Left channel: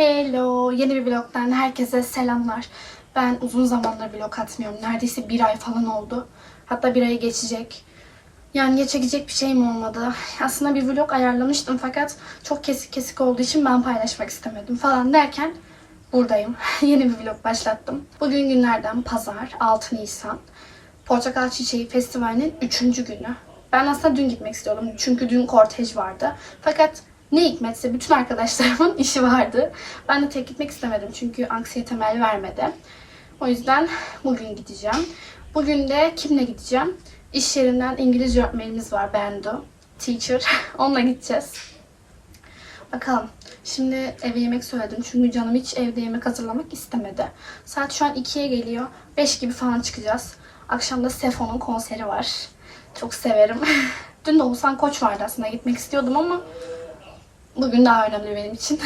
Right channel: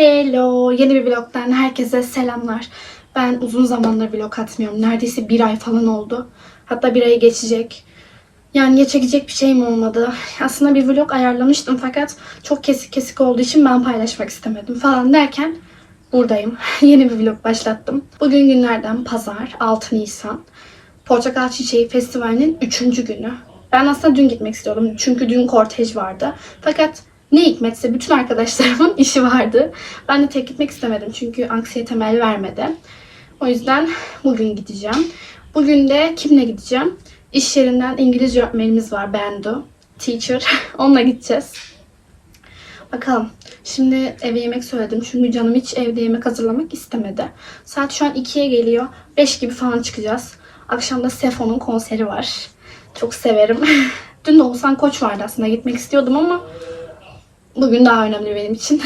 Hello, yeni bir vlogdan herkese selamlar. Ben uzun zamandır vlog atmıyorum. Neredeyse bir ay falan oldu. Hatta bir ayı geçecek. Yani ya çekecek bir şeyim olmadı. Aslında bir vlog ayarlamıştım fakat çok kesik kesik olduğu için ben paylaşmak istemedim falan derken buradayım. yeni bir vlog başlattım. Bugün günlerden pazar 6 Nisan. Portakal Çiçeği Festivali'nin 3. günü. Ben aslında dün gitmek istiyordum çünkü dün kortej vardı. Fakat ne hikmetse bütün arkadaşlarımın işi vardı. Ben de tek gitmek istemedim çünkü anksiyete el vermedi. O yüzden bugün gideceğim. Bugün de kimle gideceğim? İş yerinden İngilizce öğretmenimiz var Bendu. Teacher. Onunla gideceğiz. Bakalım. Şimdi eve yemek söyledim. Çünkü canım hiç evde yemek hazırlamak istemedi. Saat şu an 2'ye geliyor. 5 gibi falan çıkacağız. Akşam da Sefo'nun konseri var. Çok severim. Dün de Oğuzhan Koç vardı aslında. Gitmek istiyordum ama bugün daha önemli benim için.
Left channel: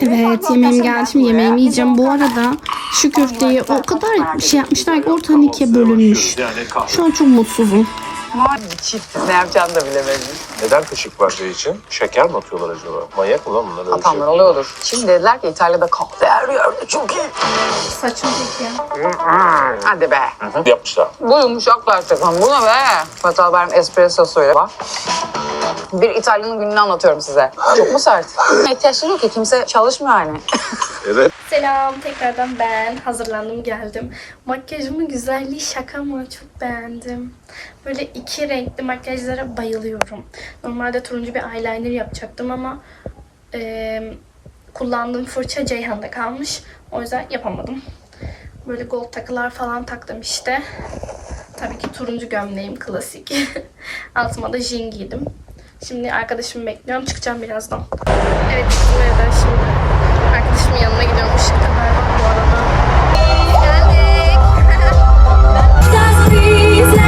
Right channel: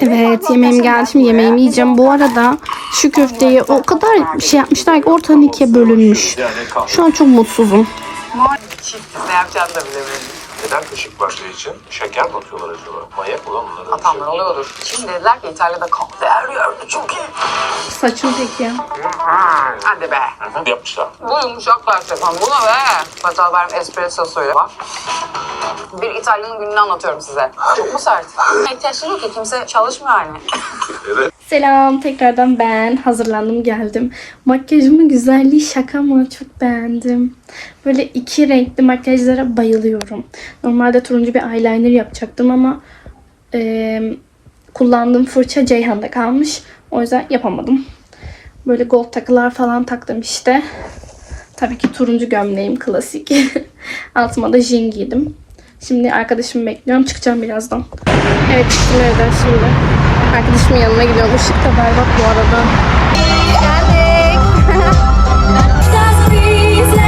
Evet yemeğim geldi şimdi yemeğimi yiyeceğim. Bu arada şu köfteyi o kadar şey yapmışlar ki ortadan ikiye bölünmüş. Şu an çok mutsuzum. Çiftiz ne yapacağını da bilemedim. Neden kışık parça için? Şeker mi atıyorlar acaba? Manyak ulan bunlar öyle şey. Atanlar oluyordur. Şimdi dediler ki İtalya'da yerde çok iyi. Saçım peki ya. Hadi be. Hı, Yapmışlar. Bu yumuşaklar Stefan. Bu ne be? Hataların espressosuyla. Bak. Bir İtalyanın gününü anlatıyorum size. Çok mu sert? İhtiyaçları yok ki kimse çalışmıyor yani. Evet. Selam tekrardan ben hazırlandım geldim. Makyajımın güzelliği şaka mı çok beğendim. Böyle iki renkli makyajlara bayılıyorum. Normalde turuncu bir eyeliner yapacaktım ama eee, kullandığım fırça Ceyhan'da kalmış. O yüzden yapamadım. Böyle gold takılar falan taktım işte. Tabii ki turuncu gömleğim klasik. Altıma da jean giydim. Şimdi arkadaşımı bekliyorum. Çıkacağım birazdan. Evet evden şimdi. Arkadaşımın yanına gidiyorum. Işık da berbat bu arada. Geldik.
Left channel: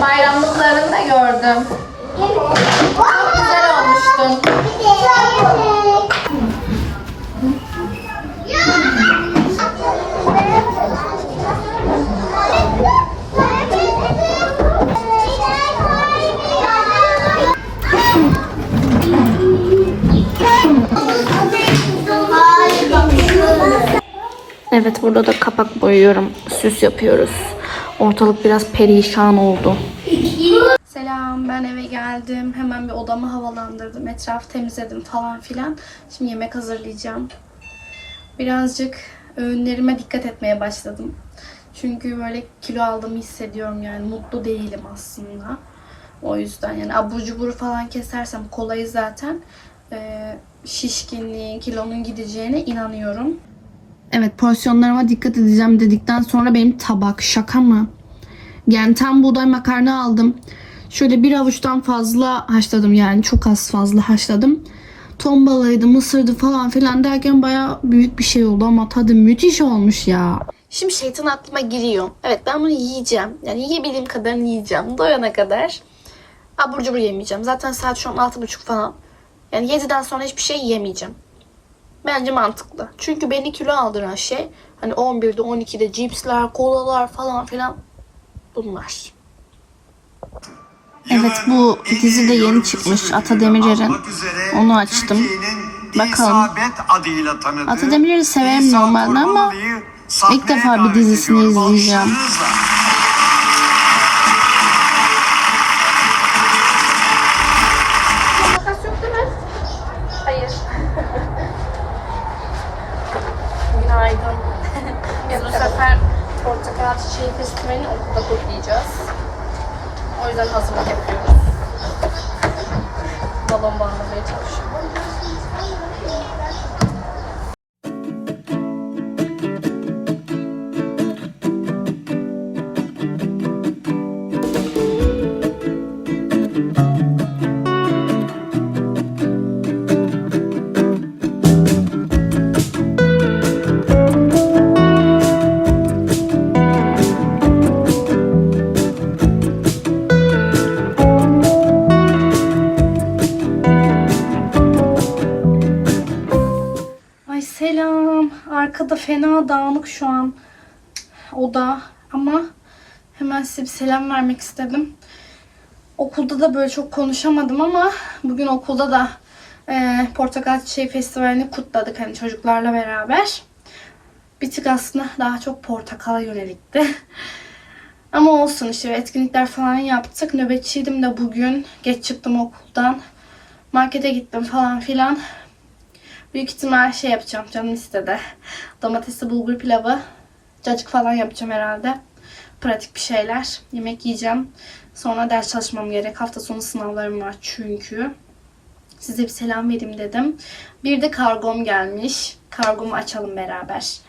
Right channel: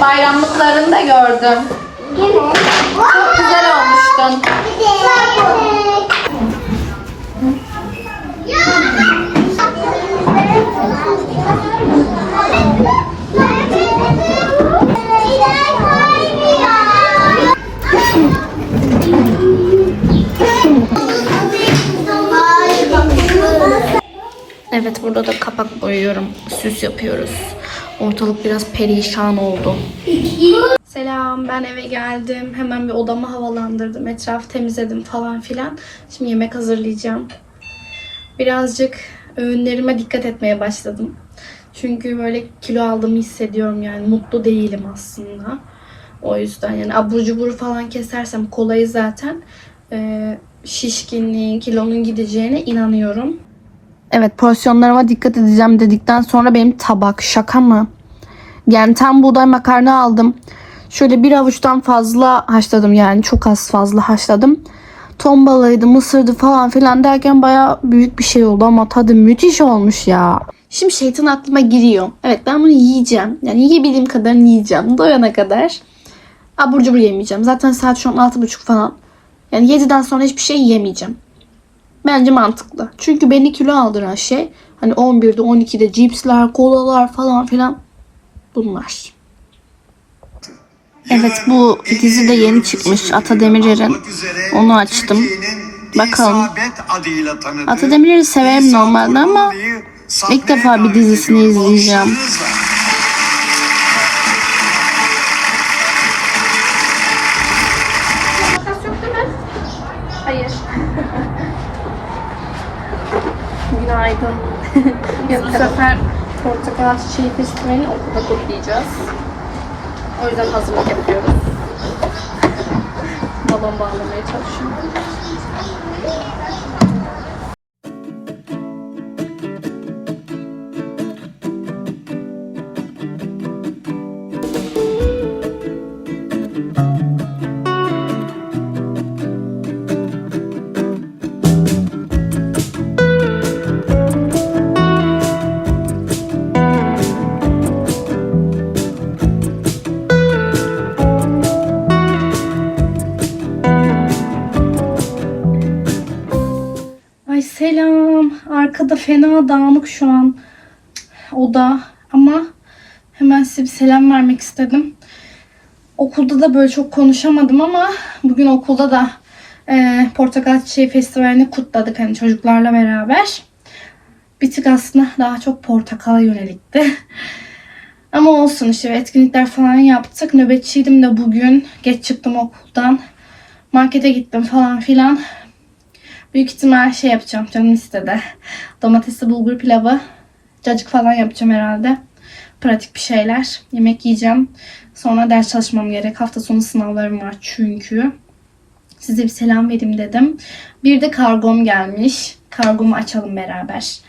bayramlıklarında gördüm. Çok güzel olmuştun. Evet burada da kapak boyuyorum. Süs yapıyoruz. Ortalık biraz perişan oldu. Selam ben eve geldim. Hemen bir odamı havalandırdım. Etrafı temizledim falan filan. Şimdi yemek hazırlayacağım. Birazcık öğünlerime dikkat etmeye başladım. Çünkü böyle kilo aldığımı hissediyorum yani. Mutlu değilim aslında. O yüzden yani abur cubur falan kesersem kolayı zaten e, şişkinliğin, kilonun gideceğine inanıyorum. Evet porsiyonlarıma dikkat edeceğim dedikten sonra benim tabak şaka mı? Yani tam buğday makarna aldım. Şöyle bir avuçtan fazla haşladım yani çok az fazla haşladım. Ton balığıydı, mısırdı falan filan derken baya büyük bir şey oldu ama tadı müthiş olmuş ya. Şimdi şeytan aklıma giriyor. Evet ben bunu yiyeceğim. Yani yiyebildiğim kadarını yiyeceğim. Doyana kadar. Abur cubur yemeyeceğim. Zaten saat şu an 6.30 falan. Yani 7'den sonra hiçbir şey yemeyeceğim. Bence mantıklı. Çünkü beni kilo aldıran şey hani 11'de 12'de cipsler, kolalar falan filan bunlar. Evet bu dizi de yeni çıkmış Ata Demirer'in. Onu açtım. Bakalım. Ata Demirer'i severim normalde ama ilk defa bir dizisini izleyeceğim. Portakal Çiçeği Festivali'ni okulda kutlayacağız. O yüzden hazırlık yapıyoruz. Balon bağlamaya çalışıyorum. Arkada fena dağınık şu an oda ama hemen size bir selam vermek istedim. Okulda da böyle çok konuşamadım ama bugün okulda da e, Portakal Çiçeği Festivali'ni kutladık hani çocuklarla beraber. Bir tık aslında daha çok portakala yönelikti. Ama olsun işte etkinlikler falan yaptık. Nöbetçiydim de bugün. Geç çıktım okuldan. Markete gittim falan filan. Büyük ihtimal şey yapacağım canım istedi. Domatesli bulgur pilavı. Cacık falan yapacağım herhalde. Pratik bir şeyler. Yemek yiyeceğim. Sonra ders çalışmam gerek. Hafta sonu sınavlarım var çünkü. Size bir selam vereyim dedim. Bir de kargom gelmiş. Kargomu açalım beraber.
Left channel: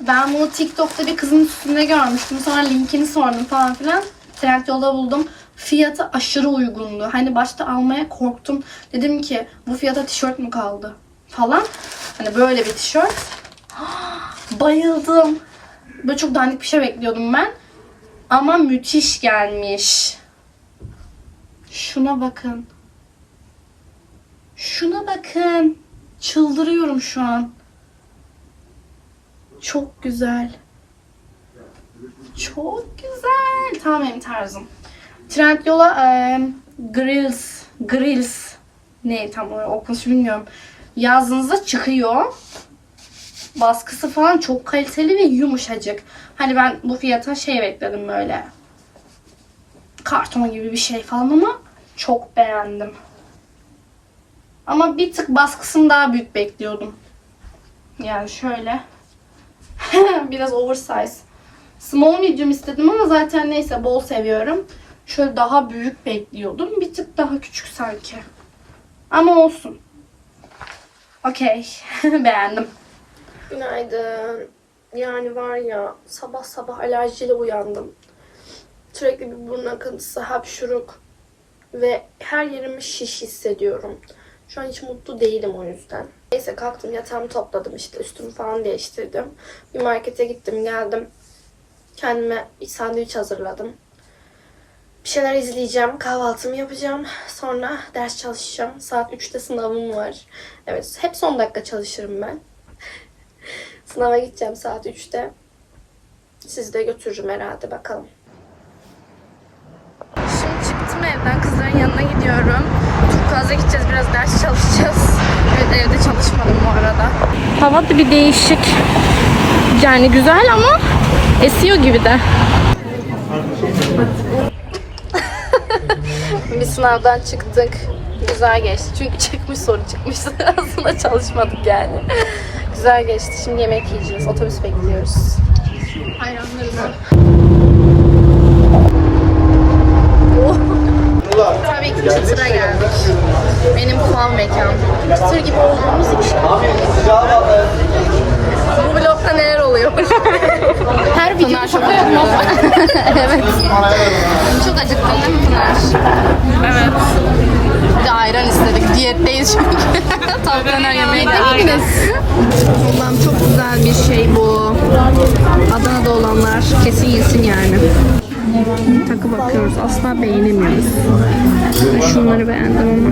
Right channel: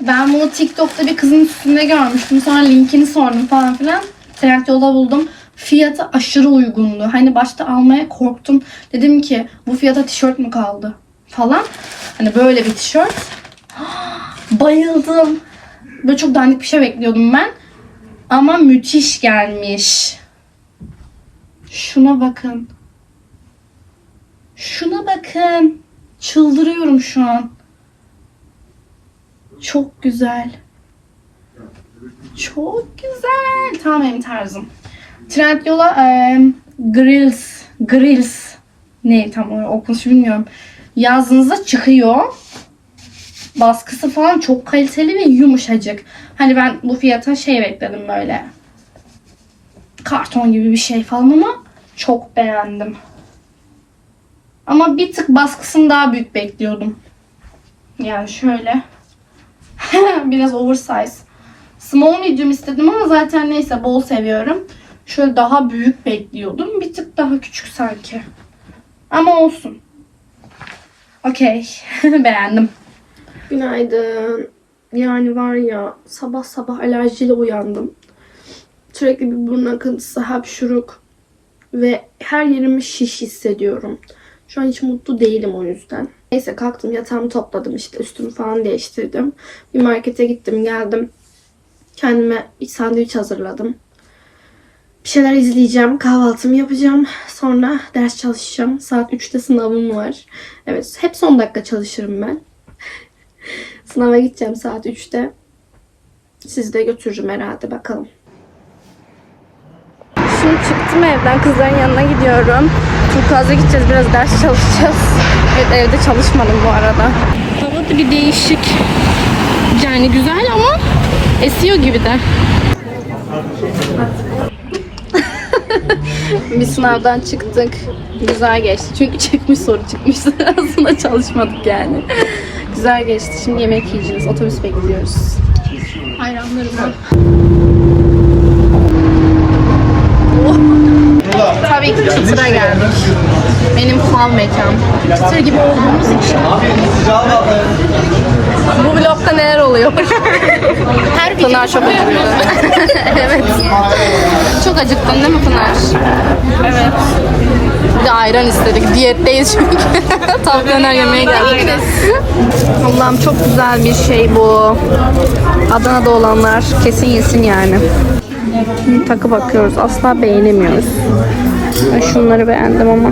Ben bunu TikTok'ta bir kızın üstünde görmüştüm. Sonra linkini sordum falan filan. Trendyol'da buldum. Fiyatı aşırı uygundu. Hani başta almaya korktum. Dedim ki bu fiyata tişört mü kaldı? Falan. Hani böyle bir tişört. Bayıldım. Böyle çok dandik bir şey bekliyordum ben. Ama müthiş gelmiş. Şuna bakın. Şuna bakın. Çıldırıyorum şu an. Çok güzel. Çok güzel. Tam benim tarzım. Trendyol'a e, Grills, Grills ne tam okunuşu bilmiyorum. Yazdığınızda çıkıyor. Baskısı falan çok kaliteli ve yumuşacık. Hani ben bu fiyata şey bekledim böyle. Karton gibi bir şey falan ama çok beğendim. Ama bir tık baskısını daha büyük bekliyordum. Yani şöyle. Biraz oversize. Small medium istedim ama zaten neyse bol seviyorum. Şöyle daha büyük bekliyordum. Bir tık daha küçük sanki. Ama olsun. Okey. Beğendim. Günaydın. Yani var ya sabah sabah alerjiyle uyandım. Sürekli bir burun akıntısı, hapşuruk ve her yerimi şiş hissediyorum. Şu an hiç mutlu değilim o yüzden. Neyse kalktım yatağımı topladım işte üstümü falan değiştirdim. Bir markete gittim geldim. Kendime bir sandviç hazırladım. Bir şeyler izleyeceğim, kahvaltımı yapacağım. Sonra ders çalışacağım. Saat 3'te sınavım var. Evet, hep son dakika çalışırım ben. Sınava gideceğim saat 3'te. Sizi de götürürüm herhalde bakalım. Şimdi çıktım evden kızların yanına gidiyorum. Çok fazla gideceğiz. Biraz ders çalışacağız. Evet evde çalışmadım bu arada. Hava da bir değişik. Yani güzel ama esiyor gibi de. bir sınavdan çıktık. Güzel geçti. Çünkü çıkmış soru çıkmıştı. Aslında çalışmadık yani. Güzel geçti. Şimdi yemek yiyeceğiz. Otobüs bekliyoruz. Tabii ki Çıtır'a geldik. Benim fan mekan. Çıtır gibi olduğumuz için. Bu vlogda neler oluyor? Her Pınar çok acıktı. evet. Çok acıktın değil mi Pınar? Evet. Bir de ayran istedik. Diyetteyiz çünkü. Tavuk döner yemeğe. Allah'ım çok güzel bir şey bu. Adana'da olanlar kesin yesin yani. Takı bakıyoruz. Asla beğenemiyoruz. Ben şunları beğendim ama.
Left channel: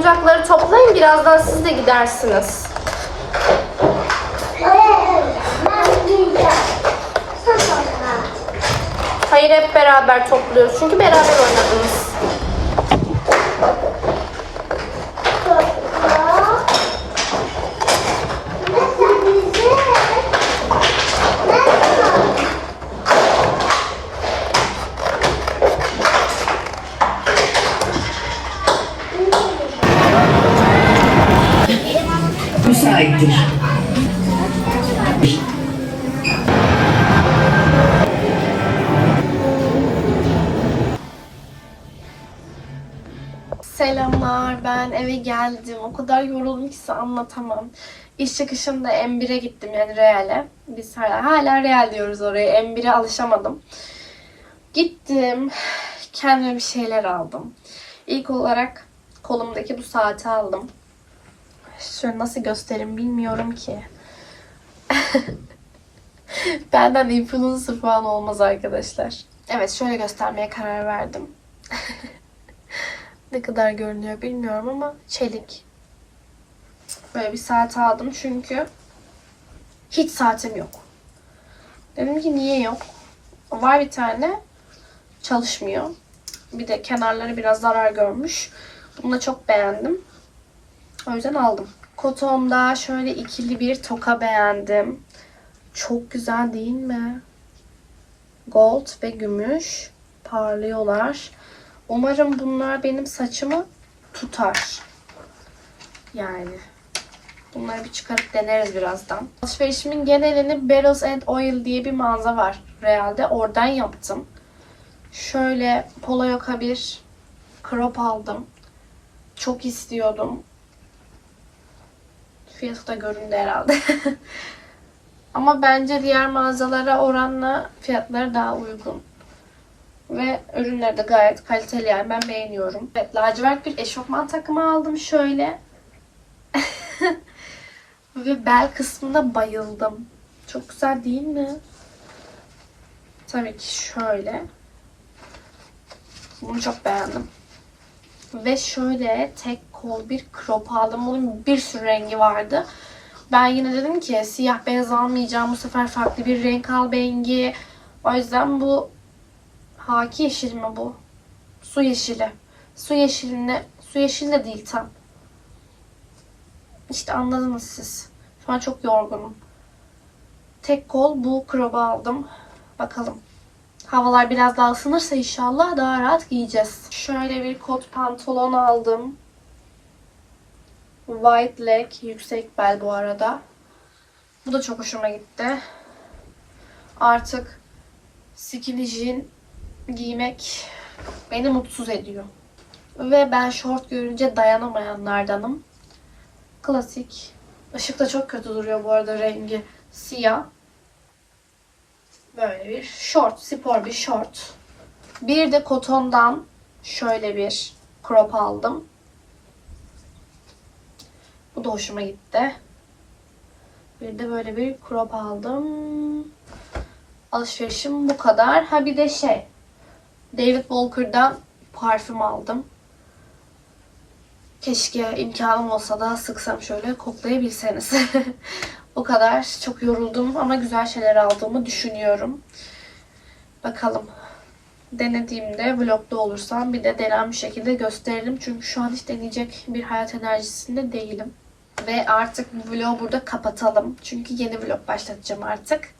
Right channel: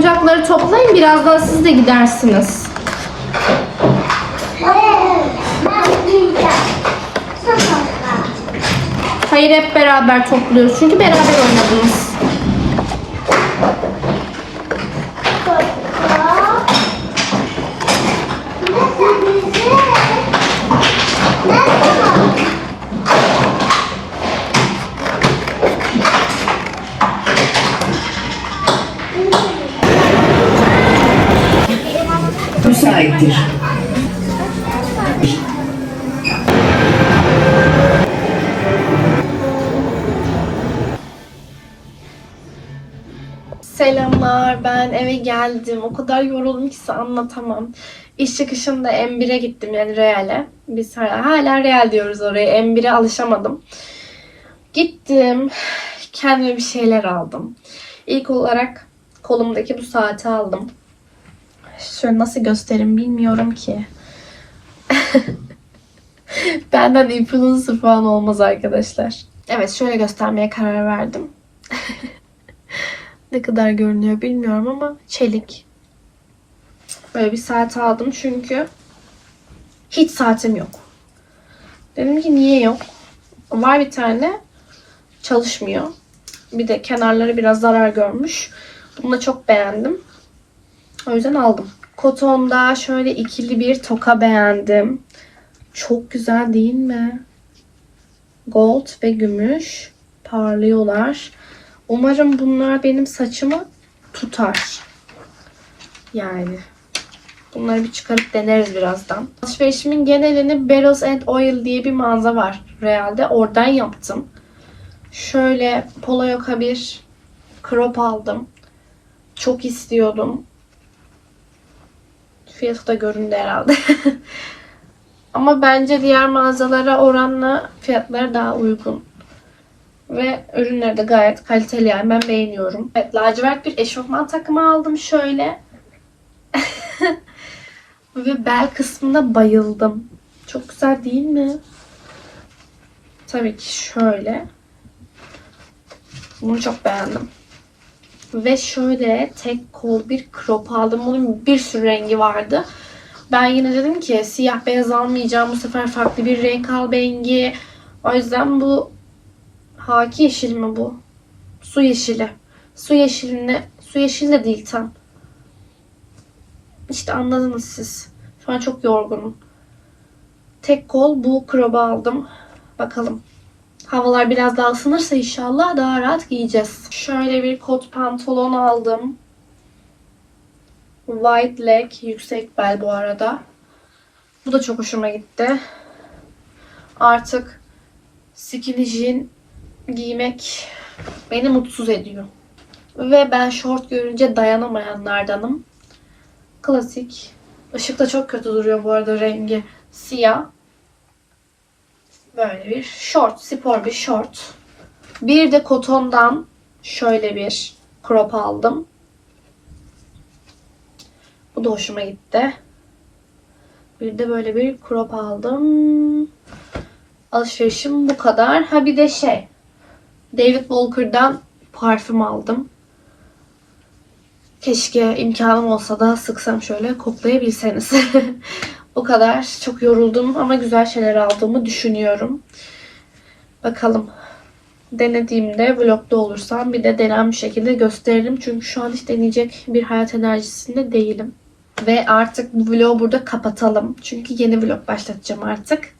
Oyuncakları toplayın. Birazdan siz de gidersiniz. Hayır hep beraber topluyoruz. Çünkü beraber oynadınız. Müsaittir. Selamlar ben eve geldim. O kadar yoruldum ki size anlatamam. İş çıkışında M1'e gittim yani Real'e. Biz hala, hala Real diyoruz oraya. M1'e alışamadım. Gittim. Kendime bir şeyler aldım. İlk olarak kolumdaki bu saati aldım. Şöyle nasıl göstereyim bilmiyorum ki. Benden influencer falan olmaz arkadaşlar. Evet şöyle göstermeye karar verdim. Ne kadar görünüyor bilmiyorum ama çelik. Böyle bir saat aldım çünkü hiç saatim yok. Dedim ki niye yok? Var bir tane çalışmıyor. Bir de kenarları biraz zarar görmüş. Bunu da çok beğendim. O yüzden aldım. Koton'da şöyle ikili bir toka beğendim. Çok güzel değil mi? Gold ve gümüş parlıyorlar. Umarım bunlar benim saçımı tutar. Yani. Bunları bir çıkarıp deneriz birazdan. Alışverişimin genelini Barrels and Oil diye bir mağaza var Real'de. Oradan yaptım. Şöyle polo yaka bir crop aldım. Çok istiyordum. Fiyatı da göründü herhalde. Ama bence diğer mağazalara oranla fiyatları daha uygun. Ve ürünleri de gayet kaliteli yani ben beğeniyorum. Evet lacivert bir eşofman takımı aldım şöyle. Ve bel kısmına bayıldım. Çok güzel değil mi? Tabii ki şöyle. Bunu çok beğendim. Ve şöyle tek kol bir crop aldım. Bunun bir sürü rengi vardı. Ben yine dedim ki siyah beyaz almayacağım. Bu sefer farklı bir renk al bengi. O yüzden bu Haki yeşil mi bu? Su yeşili. Su yeşiline, su yeşili de değil tam. İşte anladınız siz. Şu an çok yorgunum. Tek kol bu krobu aldım. Bakalım. Havalar biraz daha ısınırsa inşallah daha rahat giyeceğiz. Şöyle bir kot pantolon aldım. White leg, yüksek bel bu arada. Bu da çok hoşuma gitti. Artık skinny jean giymek beni mutsuz ediyor. Ve ben şort görünce dayanamayanlardanım. Klasik. Işıkta çok kötü duruyor bu arada rengi. Siyah. Böyle bir şort. Spor bir şort. Bir de kotondan şöyle bir crop aldım. Bu da hoşuma gitti. Bir de böyle bir crop aldım. Alışverişim bu kadar. Ha bir de şey. David Walker'dan parfüm aldım. Keşke imkanım olsa da sıksam şöyle koklayabilseniz. o kadar çok yoruldum ama güzel şeyler aldığımı düşünüyorum. Bakalım. Denediğimde vlogda olursam bir de denen bir şekilde gösteririm. Çünkü şu an hiç deneyecek bir hayat enerjisinde değilim. Ve artık bu vlogu burada kapatalım. Çünkü yeni vlog başlatacağım artık.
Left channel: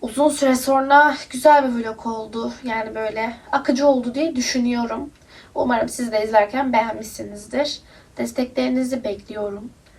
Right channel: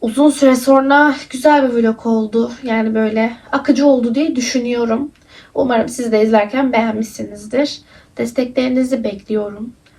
Uzun süre sonra güzel bir vlog oldu. Yani böyle akıcı oldu diye düşünüyorum. Umarım siz de izlerken beğenmişsinizdir. Desteklerinizi bekliyorum.